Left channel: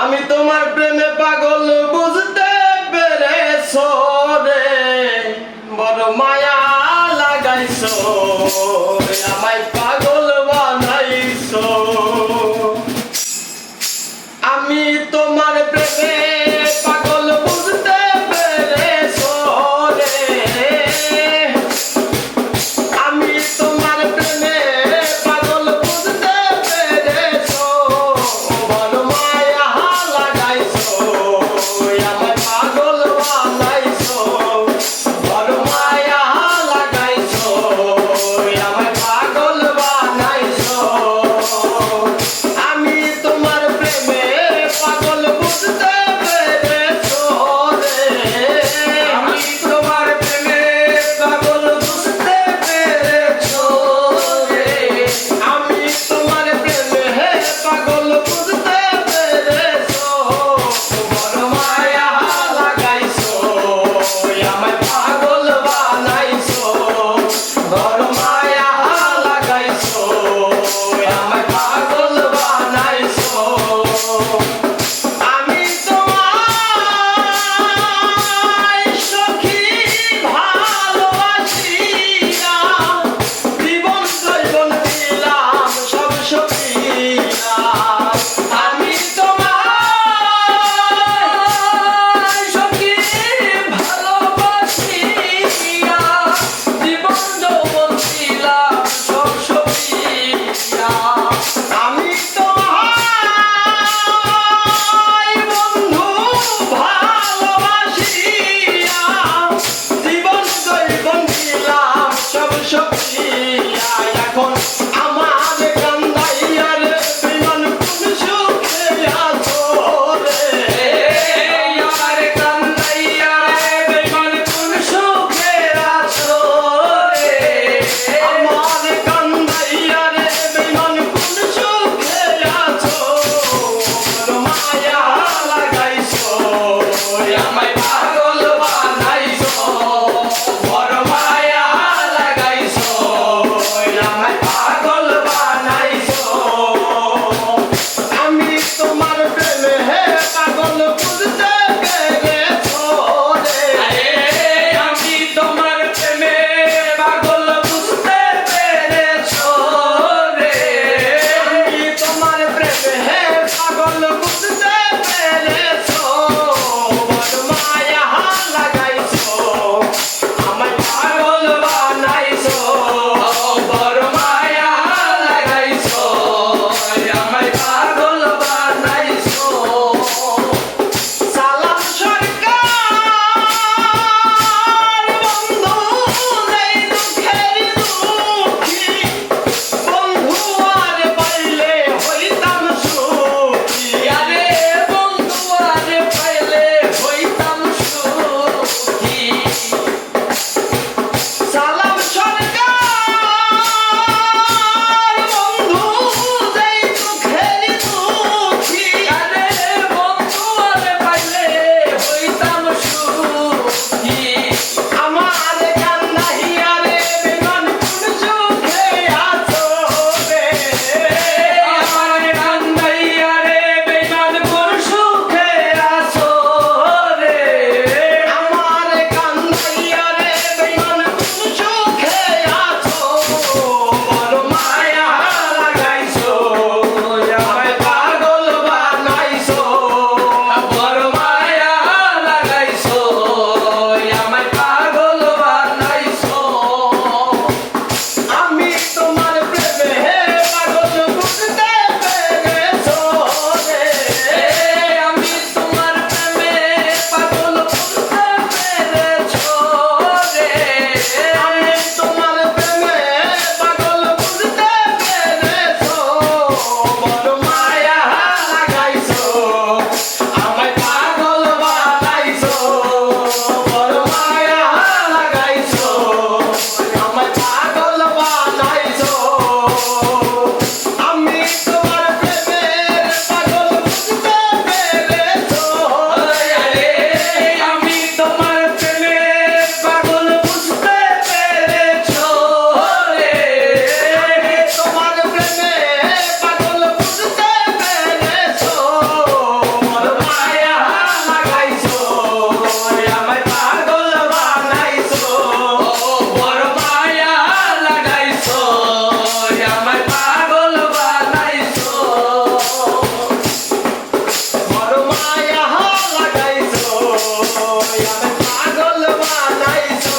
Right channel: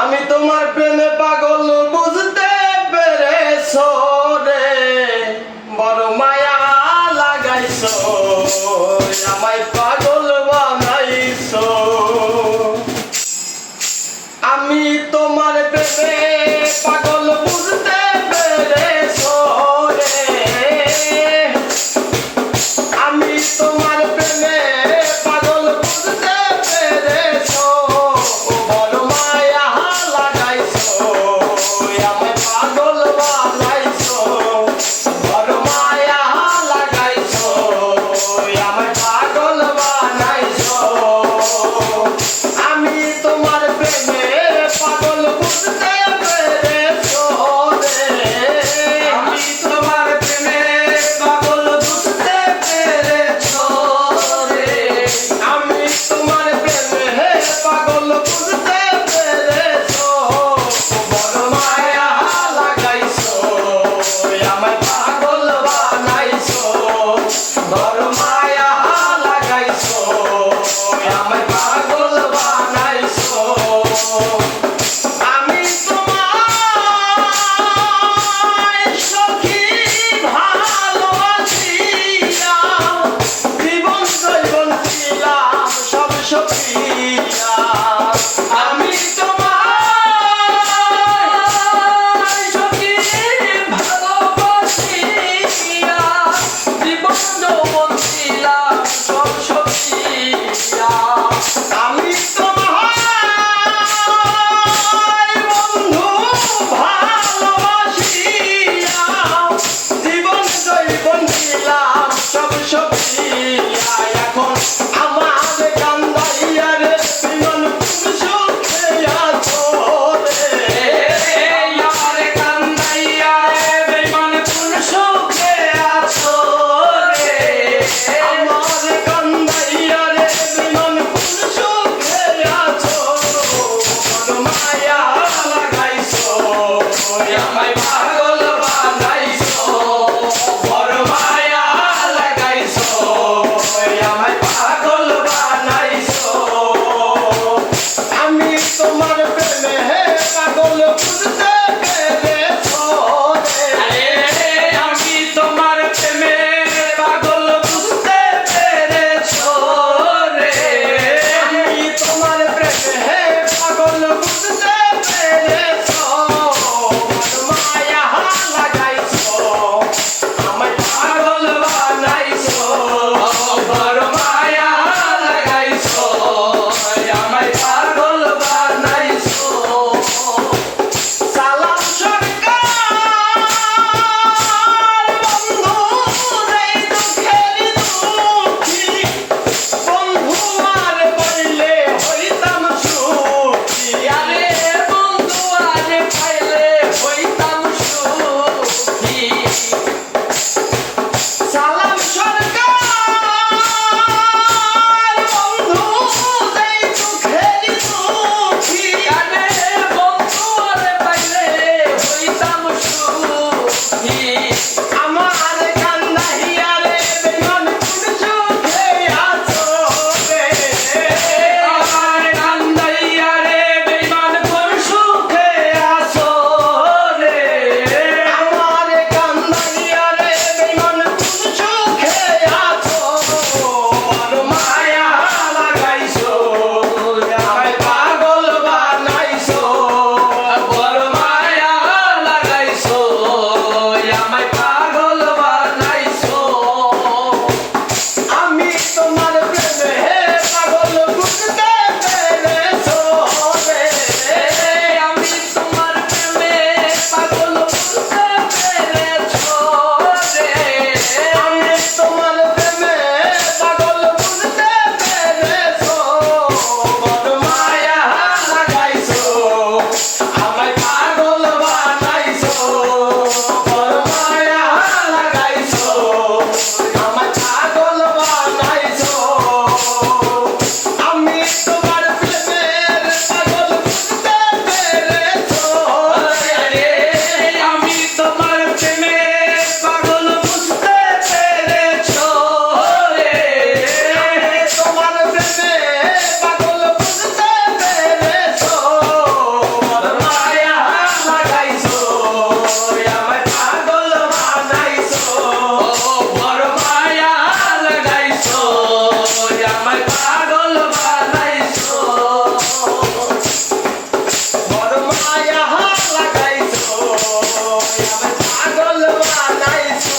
আমি তোমার প্রেমে পাগল বুঝতে পেরেছ রে। বড় মায়া লাগাইছ। আমায় পাগল oh. my Sağlam. I got the one I